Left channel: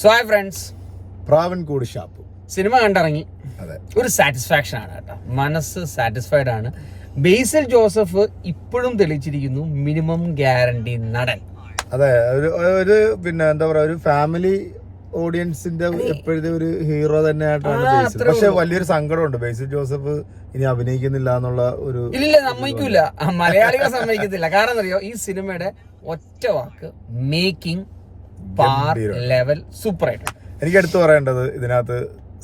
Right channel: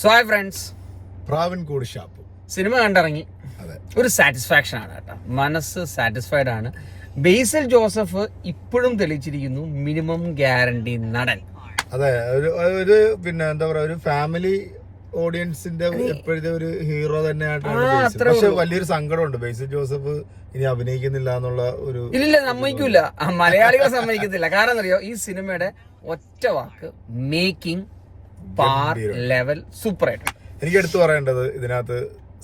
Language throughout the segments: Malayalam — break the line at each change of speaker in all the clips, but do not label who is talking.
So hi friends
Pravinkoodu Shappu.
Cinema കണ്ടിറങ്ങി. ഒരു സാറ്റിസ്ഫാക്ഷൻ ആണ് കേട്ടോ. മനസ്സ് സാറ്റിസ്ഫൈഡ് ആണ്. ബേസിൽ ജോസഫ് ഇപ്പോഴും തെളിയിച്ചിരിക്കുന്നു മിനിമം ഗ്യാരണ്ടി നടൻ.
അതെ ഒരു ഒരു പിന്നെ എന്താ പറയാ ഒരു ഫാമിലി ഓഡിയൻസിന്റെ എപ്പോഴത്തെ ഒരു ഹീറോ തന്നെയായിട്ടാണ് ബേസിൽ. പക്ഷെ വലിയൊരു സങ്കടമുണ്ട്. ബേസിൽ ജോസഫ് ഇനി അഭിനയിക്കുന്നില്ല എന്നുള്ള ഒരു
ഇല്ല സമ്മതിക്കൂല. മലയാളികൾ സമ്മതിക്കത്തില്ല. കാരണം അറിയോ ഈ സിനിമയുടെ ഒറ്റ വാക്ക് മേക്കിംഗ് പാർ ലെവൽ സൂപ്പർ ആയിട്ടുണ്ട്
എനിക്ക് എടുത്തു പറയേണ്ടത് ഇതിനകത്ത്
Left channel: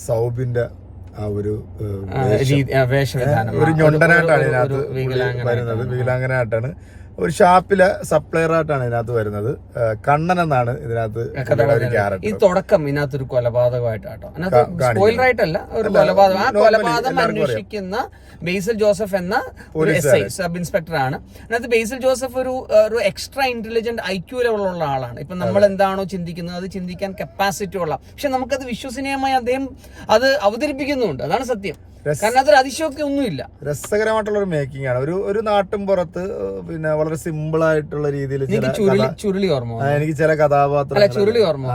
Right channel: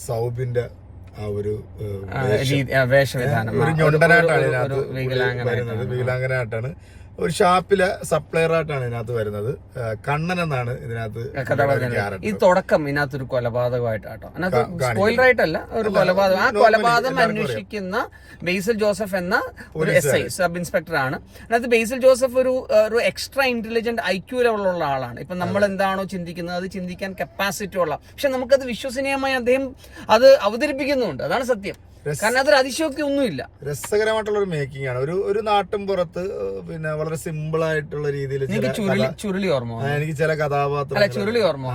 സൗബിന്റെ ആ ഒരു ഒരു ഞൊണ്ടനായിട്ടാണ് ഇതിനകത്ത് വരുന്നത്. വികലാംഗനായിട്ടാണ്. ഒരു ഷാപ്പിലെ സപ്ലയർ ആയിട്ടാണ് ഇതിനകത്ത് വരുന്നത്. കണ്ണൻ എന്നാണ് ഇതിനകത്ത് ഒരു.
ഈ
തുടക്കം
തുടക്കം ഇതിനകത്തൊരു കൊലപാതകമായിട്ടാട്ടോ. സ്പോയിലർ ആയിട്ടല്ല ഒരു കൊലപാതകം. ആ കൊലപാതകം അന്വേഷിക്കുന്ന ബേസിൽ ജോസഫ് എന്ന ഒരു എസ് ഐ സബ് ഇൻസ്പെക്ടർ ആണ് അതിനകത്ത് ബേസിൽ ജോസഫ് ഒരു ഒരു എക്സ്ട്രാ ഇന്റലിജന്റ് ഐക്യു ലെവലുള്ള ആളാണ്. ഇപ്പൊ നമ്മൾ എന്താണോ ചിന്തിക്കുന്നത് അത് ചിന്തിക്കാൻ കപ്പാസിറ്റി ഉള്ള. പക്ഷെ നമുക്കത് വിശ്വസനീയമായി അദ്ദേഹം അത് അവതരിപ്പിക്കുന്നുണ്ട്. അതാണ് സത്യം. കാരണം അതൊരു അതിശയൊക്കെ ഒന്നുമില്ല.
രസകരമായിട്ടുള്ള ഒരു മേക്കിംഗ് ആണ്. ഒരു ഒരു നാട്ടും പുറത്ത് പിന്നെ വളരെ സിമ്പിൾ ആയിട്ടുള്ള രീതിയിൽ
ചുരുളി ഓർമ്മ
എനിക്ക് ചില കഥാപാത്രം
ചുരുളി ഓർമ്മ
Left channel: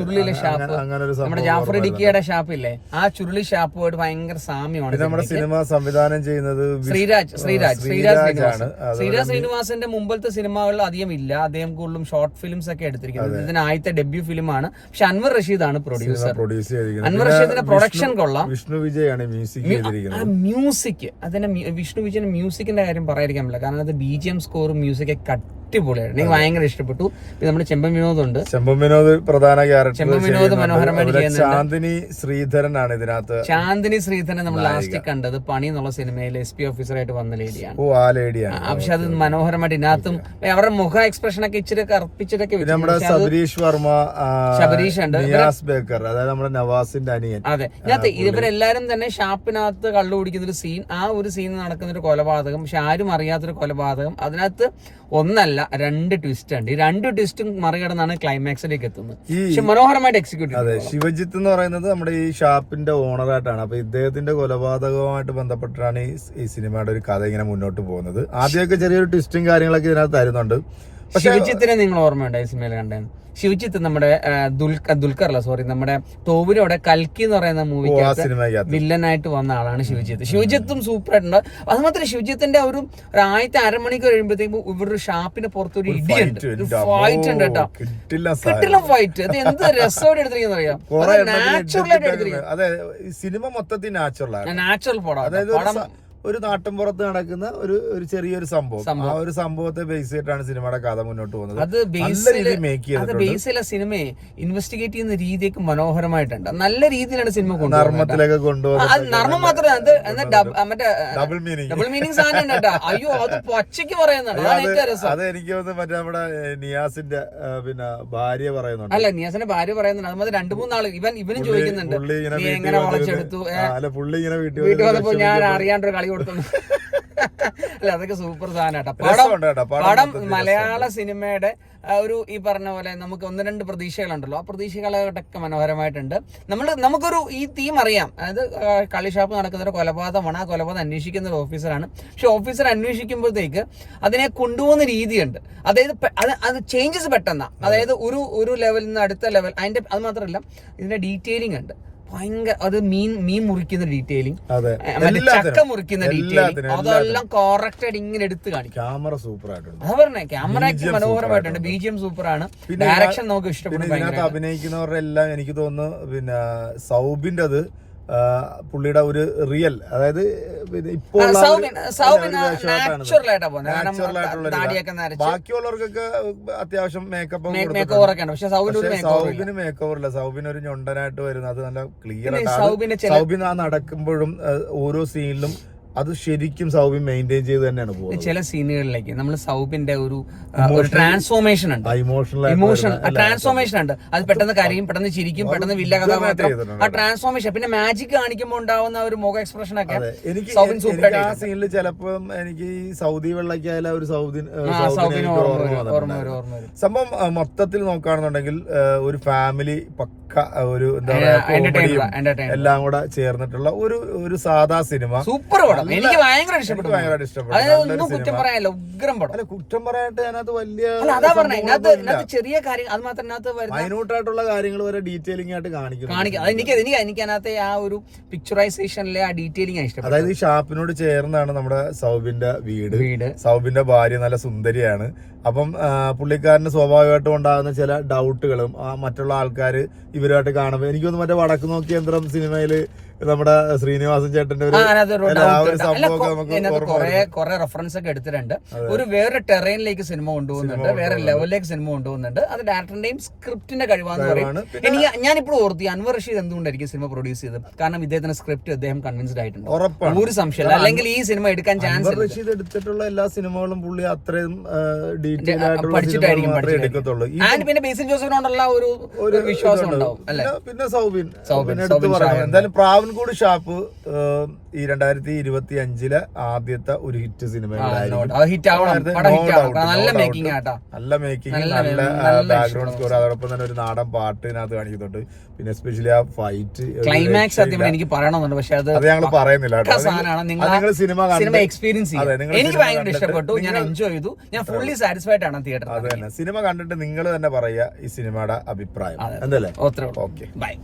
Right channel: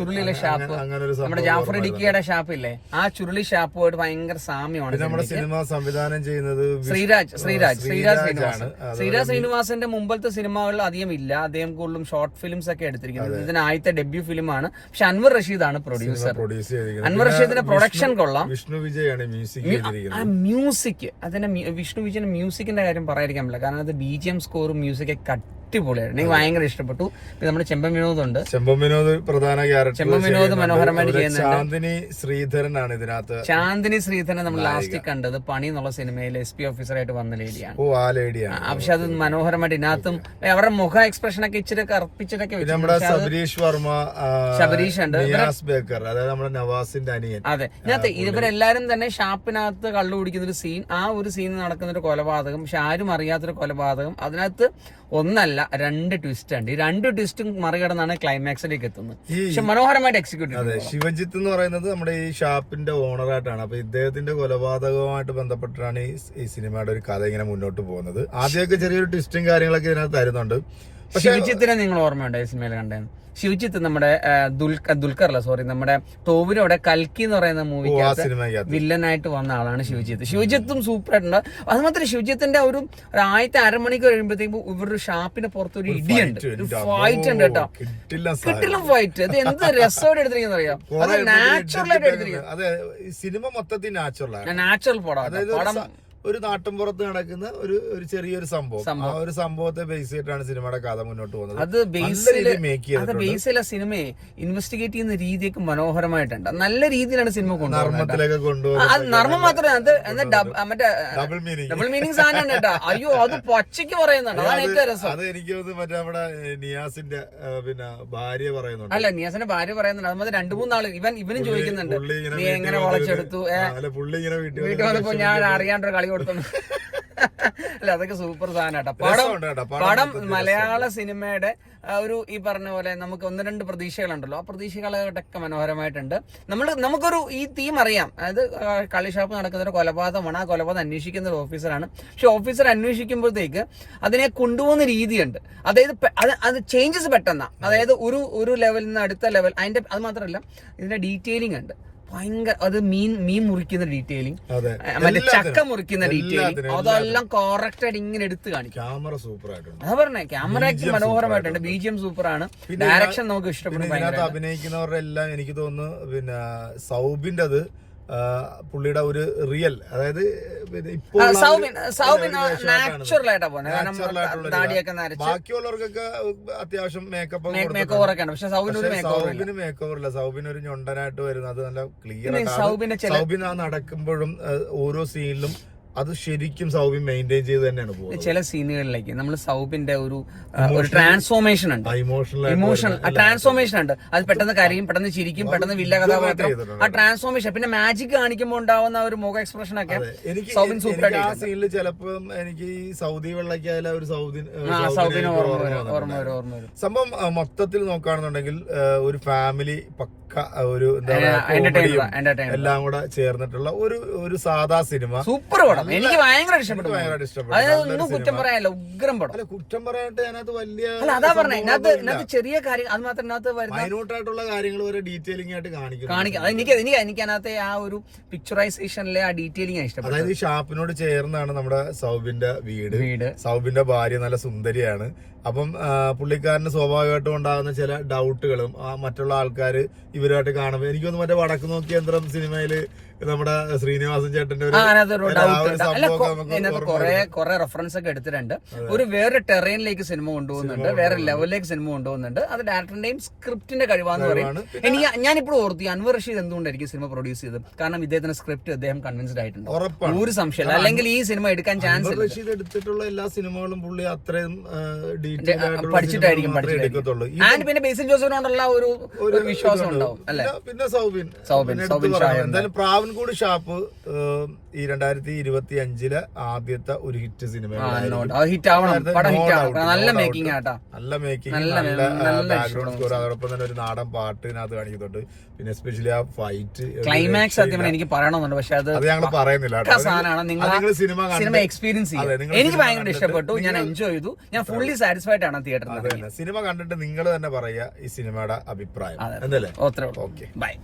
ചുരുളിയിലെ ഷാപ്പ്.
അങ്ങനെ ഒരു
നമ്മുടെ ജാഫർ
ഡിക്കിയുടെ
ഷാപ്പ് ഇല്ലേ ആ ചുരുളി ഷാപ്പുമായിട്ട് ഭയങ്കര സാമ്യമാണ്
നമ്മുടെ സിനിമ സംവിധാനം ചെയ്യുന്നത്
ശ്രീരാജ് ശ്രീരാജ് ശ്രീരാജ് ശ്രീനിവാസൻ. ശ്രീരാജ് ശ്രീനിവാസന്റെ മുമ്പത്തെ സിനിമകളിൽ അധികം ഇല്ല. അദ്ദേഹം കൂടുതലും ഷോർട്ട് ഫിലിംസ് ഒക്കെ എടുത്തിരിക്കുന്നത്. ഇതിന് ആദ്യത്തെ ഡെബ്യൂ ഫിലിമാണ് പക്ഷെ അൻവർ ആണ് പ്രൊഡ്യൂസർ അൻവർ റഷീദിന്റെ പ്രൊഡക്ഷൻ കൊള്ളാം.
വിഷ്ണു വിജയാണ് മ്യൂസിക്
ആ മ്യൂസിക് അതിന്റെ വിഷ്ണു വിജയൻ മ്യൂസിക്കിന്റെ കാര്യം പറയാതിരിക്കാൻ പറ്റില്ല. കാരണം അത് ബി ജി എം സ്കോറും മ്യൂസിക് ഒക്കെ അടിപൊളിയായിരുന്നു. എനിക്ക് ഭയങ്കര ഇഷ്ടപ്പെട്ടു. പിന്നെ നമ്മുടെ ചെമ്പൻ വിനോദ് ഉണ്ട്
ചെമ്പൻ വിനോദ് പ്രധാന ക്യാരക്ടർ
ചെമ്പൻ വിനോദ് മനോഹരമായിട്ട് ചെയ്യുന്നുണ്ട്.
ചാന്ദിനി ശ്രീധരനാണ് ഇതിനകത്ത്
ചാന്ദിനി ശ്രീധരനെ നമ്മൾ ലാസ്റ്റ് കണ്ടത് പണി എന്നുള്ള സിനിമയിൽ എസ് പി ഓഫീസറായിട്ട് വന്ന ലേഡിയാണ്
ഓ ആ ലേഡിയാണ്
പക്ഷെ അത് മനോഹരമായിട്ട് ഇതിനകത്തും അവരുടെ മുഖ എക്സ്പ്രഷൻ ഒക്കെ ഇച്ചിരി കറുപ്പിച്ചിട്ടൊക്കെ
നമ്മുടെ
ശബരീഷ്
സബരീഷ് വർമ്മ സബരീഷ്
ശബരീഷ് ഉണ്ട്.
ബേക്കർ അതായത് നമ്മുടെ നവാസിന്റെ അനിയൻ.
അതെ. ഇതിനകത്ത് ഇവരെല്ലാരും തന്നെ ഷാപ്പിനകത്ത് കള്ളു കുടിക്കുന്ന ഒരു സീൻ ആ ഒരു സീൻ നടക്കുന്ന ഒരു കൊലപാതകം. പക്ഷെ ആരും അറിയാത്തൊരു കൊലപാതകം. അതിനകത്ത് ഒന്നല്ല രണ്ട് ട്വിസ്റ്റ് ഉണ്ട്. ഈ രണ്ട് ട്വിസ്റ്റും മറികടന്നാണ് ക്ലൈമാക്സിലേക്ക് എത്തുന്നത്. പക്ഷെ മനോഹരമായിട്ട് എക്സിക്യൂട്ട്
അതെ ശിവജിത്ത് എന്ന് പറയുന്നത് നമ്മുടെ ഈ ഷാപ്പിന്റെ ഓണറായിട്ടാണ്. അപ്പൊ ഇദ്ദേഹത്തിന്റെ കൊലപാതകവുമായിട്ട് ബന്ധപ്പെട്ടാണ് ഈ സിനിമയുടെ ഒരു കഥ ഇങ്ങനെ മുന്നോട്ട് പോകുന്നത്. ആദ്യമൊക്കെ ചെറിയൊരു ട്വിസ്റ്റും കാര്യങ്ങളൊക്കെ ഇതിനകത്ത് തരുന്നുണ്ട്.
ശിവജിത്തിനെ നിങ്ങൾ ഓർമ്മയുണ്ടോ ഈ സിനിമയിൽ കണ്ടത് ശിവജിത്ത് നമ്മുടെ ദുൽഖർ ദുൽഖർ അല്ല സോറി നമ്മുടെ തോവിലോടെ കൽക്കി എന്ന് പറയുന്ന മൂവിക്കകത്ത് വില്ലനായിട്ട് വന്ന ആളാണ് ശിവജിത്ത്. ശിവജിത്തും സൂപ്പർ ആയിട്ടുണ്ട്. അത് മാത്രമല്ല ശിവജിത്തിന്റെ ഒരു ആയിരത്തി ആദ്യത്തെ അരമണിക്കൂർ കഴിയുമ്പോഴത്തേക്കും ഇവരുടെ ഷാപ്പിന് പുറത്തൊരു ഇടിയുണ്ട്. ഒരു ഫൈറ്റ് ഉണ്ട് കേട്ടോ.
കിട്ടില്ല
ഫൈറ്റ് അത് എന്ത് രസമായിട്ട് എടുത്തിരിക്കുന്ന അറിയാം?
കുറെ
നാച്ചുറൽ ആയിട്ട് എടുത്തിരിക്കുന്നത്
സിനിമ മൊത്തത്തിൽ നാച്ചുറൽ
നാച്ചുറൽ പടം പടം
ഒരു നാട്ടിൻപുറത്ത് നടക്കുന്ന ഒരു ഒരു ചെറിയൊരു സംഭവം. ആ ഒരു സംഭവത്തെ ബേസ് ചെയ്തിട്ടാണ് സിനിമയുടെ കഥ മുന്നോട്ട് പോകുന്നത്.
അത്
ചെയ്ത
അത് ബേസിലെ സിനിമയെ ഇൻവെസ്റ്റിഗേറ്റ് ചെയ്യുന്ന രീതിയൊക്കെ മനോഹരമായിട്ടുണ്ട്. നല്ല രീതിയിലാണ് സിനിമ
നർമ്മത്തിലൊക്കെ കൊണ്ടുപോകുന്നത്
നർമ്മം മാത്രമേ അത് അത് മറ്റേ
ഡബിൾ മീനിങ്
ഡബിൾ മീനിങ് സാധനം അയ്യോ അത് പച്ചയ്ക്ക് പറയുന്നുണ്ട്
അത് എനിക്ക് മറ്റേ നമ്മുടെ നിയാസിന്റെ പിന്നെ ഭാര്യ പറയുന്നുണ്ട്.
അല്ല നിയാസിന്റെ ഭാര്യ പറയുന്നുണ്ട്. അതുമാതിരി മതി രണ്ടു മൂന്നാൾ ഇവൻ ഇവനും ചോദിക്കുന്നുണ്ട്.
ഇങ്ങനെ
വളച്ചെടുത്തു?
പുള്ളി ഇങ്ങനെ വീട്ടിൽ
വന്നപ്പോ ഞാൻ അറിയാണ്ടൊരു കളി കൊടുത്തു അല്ല അതൊക്കെ സൂപ്പർ സാധനം കേട്ടോ. പടം മലയാള സിനിമയുടെ ഒരു ഈ പറഞ്ഞ പോലെ നമുക്ക് ഒന്ന് രണ്ട് പ്രതീക്ഷകളുണ്ടല്ലോ. ആ പ്രതീക്ഷകളൊക്കെ മനോഹരമായിട്ടുണ്ട്. നമ്മൾ നമുക്കൊരു ഈ തീം അറിയാം. അതായത് കളിഷാപ്പ് നടക്കുന്ന ഒരു കൊലപാതകമാണ്. ആ കൊലപാതകം അന്വേഷിക്കുന്ന ഒരു ഓഫീസറാണ് പക്ഷെ ഓഫീസർ അന്വേഷിക്കുമ്പോഴത്തേക്ക് അതിനെ കൊണ്ടുപോകുന്ന രീതിയുണ്ട്. അതായത് അത് അത് ചേഞ്ചസ് പെട്ടെന്നാണ് അതായത് ഒരു ഒരു ലെവലിൽ നിന്ന് അടുത്ത ലെവൽ അതിന്റെ അത് മാത്രമല്ല ഇതിന്റെ ഡീറ്റെയിലിംഗ് ഉണ്ട്. ഭയങ്കര അത് മീൻ മീൻ മുറിക്കുന്ന ഡീറ്റെയിലിംഗ്
അതെ.
മറ്റേ ചക്ക മുറിക്കുന്ന ഡീറ്റെയിലിംഗ് അതെല്ലാം കറക്റ്റ് ആയിട്ട് ഇങ്ങനെ എടുത്ത് കാണിക്കും.
ക്യാമറ സൂപ്പർ ആയിട്ടുണ്ട്
അതാ പറഞ്ഞേ ക്യാമറയ്ക്ക് മനോഹരമായിട്ടുണ്ട്. ബി ജി എം സൂപ്പർ ആണ് ഡയറക്ഷൻ നമുക്ക്
ഇഷ്ടപ്പെട്ടു
ഇഷ്ടപ്പെടും
അഭിനയിക്കുന്നവരുടെ എല്ലാം എനിക്ക് തോന്നുന്നു പിന്നെ സൗബിന്റെ അത് പുള്ളിയുടെ ഒരു റിയൽ അതായത് ഇപ്പോൾ ബാക്കിയുള്ളവർക്കൊക്കെ അത്യാവശ്യം മേക്കപ്പ്
സൗബിന് മേക്ക് ഓവർ ഇല്ല
ഒരു ഞൊണ്ടനായിട്ട് വരുന്നത് അത് നല്ല ക്ലിയർ സൗബിൻ ആ നടക്കുമ്പോഴും ഓരോ സീനിലും അത് ശരിക്കും സൗബിൻ മെയിന്റെയിൻ ചെയ്ത് തന്നെയാണ് പോകുന്നത്.
ചില സീനുകളിലേക്ക് നമ്മൾ സൗബിന്റെ ഒരു ട്രാൻസ്ഫോർമേഷൻ ഉണ്ട്.
ഇമോഷണൽ
ഇമോഷൻ ട്രാൻസ്ഫോർമേഷൻ ഉണ്ട്. അത് പെട്ടെന്ന് കരയും പെട്ടെന്ന് ചിരിക്കും പെട്ടെന്ന് വില്ല കഥാപാത്രം ആ ട്രാൻസ്ഫോർമേഷൻ പിന്നെ മാജിക് കാണിക്കുമ്പോൾ ഉണ്ടാവുന്ന ഒരു മുഖ എക്സ്പ്രഷൻ ഒക്കെ
എനിക്ക്
സൗബിൻ സൂപ്പർ
ആ സീനിൽ ചിലപ്പം എനിക്ക് സൗദി വെള്ളക്കായാലും ഒരു സൗദി സംഭവം മൊത്തത്തിൽ നോക്കുകയാണെന്നുണ്ടെങ്കിൽ ഒരു ഫാമിലി പക്ക ഒരു എന്താ പറയാ എല്ലാം കൂടെ ചേർന്നിട്ടുള്ള ഒരു ഒരു സാധാ സിനിമ.
സൂപ്പർ പടം. എനിക്ക് ഭയങ്കര ഇഷ്ടപ്പെട്ടു.
ഭയങ്കര ഇഷ്ടപ്പെട്ടു.
കുറ്റം പറയാനല്ല ഉഗ്രം പടം.
അല്ല കുറ്റം പറയാനായിട്ട് അതിനകത്ത് വലിയ
അതാ പറഞ്ഞത് ചെറിയ കാര്യം അത് മാത്രം
മൈനൂട്ടായിട്ടുള്ള കാര്യങ്ങൾ വരെ ഡീറ്റെയിലിംഗ് ആയിട്ട്
കാണിക്കും. കാണിക്കാം എനിക്ക് എനിക്ക് എനിക്ക് അതിനകത്തെ ആ ഒരു പിക്ചറൈസേഷനിലെ ആ ഡീറ്റെയിലിംഗ് ഇഷ്ടപ്പെട്ടു.
അതായത് ഈ ഷാപ്പിനോട് ചേർന്നാണ് നമ്മുടെ സൗബിന്റെ വീട്.
വീട്.
സൗബിന്റെ ഭാര്യ നല്ല സുന്ദരിയാണ്. അപ്പം പുള്ളിക്കാരന് സ്വാഭാവികമായിട്ടും ഉണ്ടാകുന്ന ചില ഡൗട്ടുകളും മറ്റുള്ള ആൾക്കാർ ഇവരുമായിട്ട് കാണുമ്പോൾ എനിക്കൊന്ന് മറ്റേ വടക്ക് നോക്കി യന്ത്രം സിനിമയിൽ നമ്മുടെ ശ്രീനിവാസൻ ചേട്ടന്റെ
കുറെ കുറെ റെഫറൻസ് ഒക്കെ എടുത്തിട്ടുണ്ട്. ഒരു വേറെ ടെറൈനിലേക്ക് സിനിമ കൊണ്ടുപോകുന്നുണ്ട് വേറെ ലെവലിലേക്ക് സിനിമ കൊണ്ടുപോകുന്നുണ്ട്. അത് ഡയറക്ടറിന്റെയും സ്ക്രിപ്റ്റിന്റെ കഴിവാന്ന് പറയും. എനിക്ക് ഞാനിപ്പോൾ ഓർത്തി അൻവർ റഷീദ് എന്തുകൊണ്ടായിരിക്കും സിനിമ പ്രൊഡ്യൂസ് ചെയ്തത്? കാരണം ഇദ്ദേഹത്തിന്റെ സ്ക്രിപ്റ്റ് അദ്ദേഹം കൺവിൻസ്ഡ് ആയിട്ടുണ്ട്. ഒരു സംശയമില്ല അല്ലെങ്കിൽ ഈ സിനിമ എടുക്കാൻ ചാൻസ്
റഷീദ് എടുത്തിട്ടുള്ള എല്ലാ സിനിമകളും പുള്ളി അത്രയും ഡീറ്റെയിൽ
പഠിച്ചിട്ടായിരിക്കും, ആൻഡ് പിന്നെ ബേസിൽ ജോസഫിനോടുള്ള ഒരു വിശ്വാസം. ഉണ്ടാവും അല്ലെ?
പിന്നെ- സൗബിൻ.
സൗബിൻ,
എന്തായാലും പ്രാവൻകൂട് ഷാപ്പ് ഈ രണ്ടായിരത്തി ഇരുപത്തി അഞ്ചിലെ ആദ്യത്തെ ഒരു ഹിറ്റ്
സിനിമ
അത്
നല്ല മേക്കിംഗ്
നല്ല ബാക്ക്ഗ്രൗണ്ട് സ്കോർ അതോടൊപ്പം തന്നെ ഒരു നാടൻ പാട്ട് ഇതിനകത്ത് കാണിക്കുന്നുണ്ട് പിന്നെ എസ്പെഷ്യലി ആ ഫൈറ്റ്
ക്ലൈമാക്സ് എനിക്ക് പറയണമെന്നുണ്ട് പക്ഷെ അത്
അത് ഞങ്ങൾ പറയുന്നില്ല അത്
നിങ്ങൾ
സിനിമ
സിനിമ എക്സ്പീരിയൻസ്
അതെ,
എനിക്ക് ഭയങ്കര ഇഷ്ടപ്പെട്ടു ഞാൻ എൻജോയ് ചെയ്തു ഞാൻ ഫുള്ളി സാറ്റിസ്ഫൈഡ് ആണ്
അത്
തിയേറ്ററിൽ
തന്നെ സിനിമ കണ്ടിട്ട് നിങ്ങൾ തന്നെ പറയുക ഈ സിനിമയുടെ അഭിപ്രായം
അതെ.
എന്തല്ലേ ഓക്കെ
ബൈ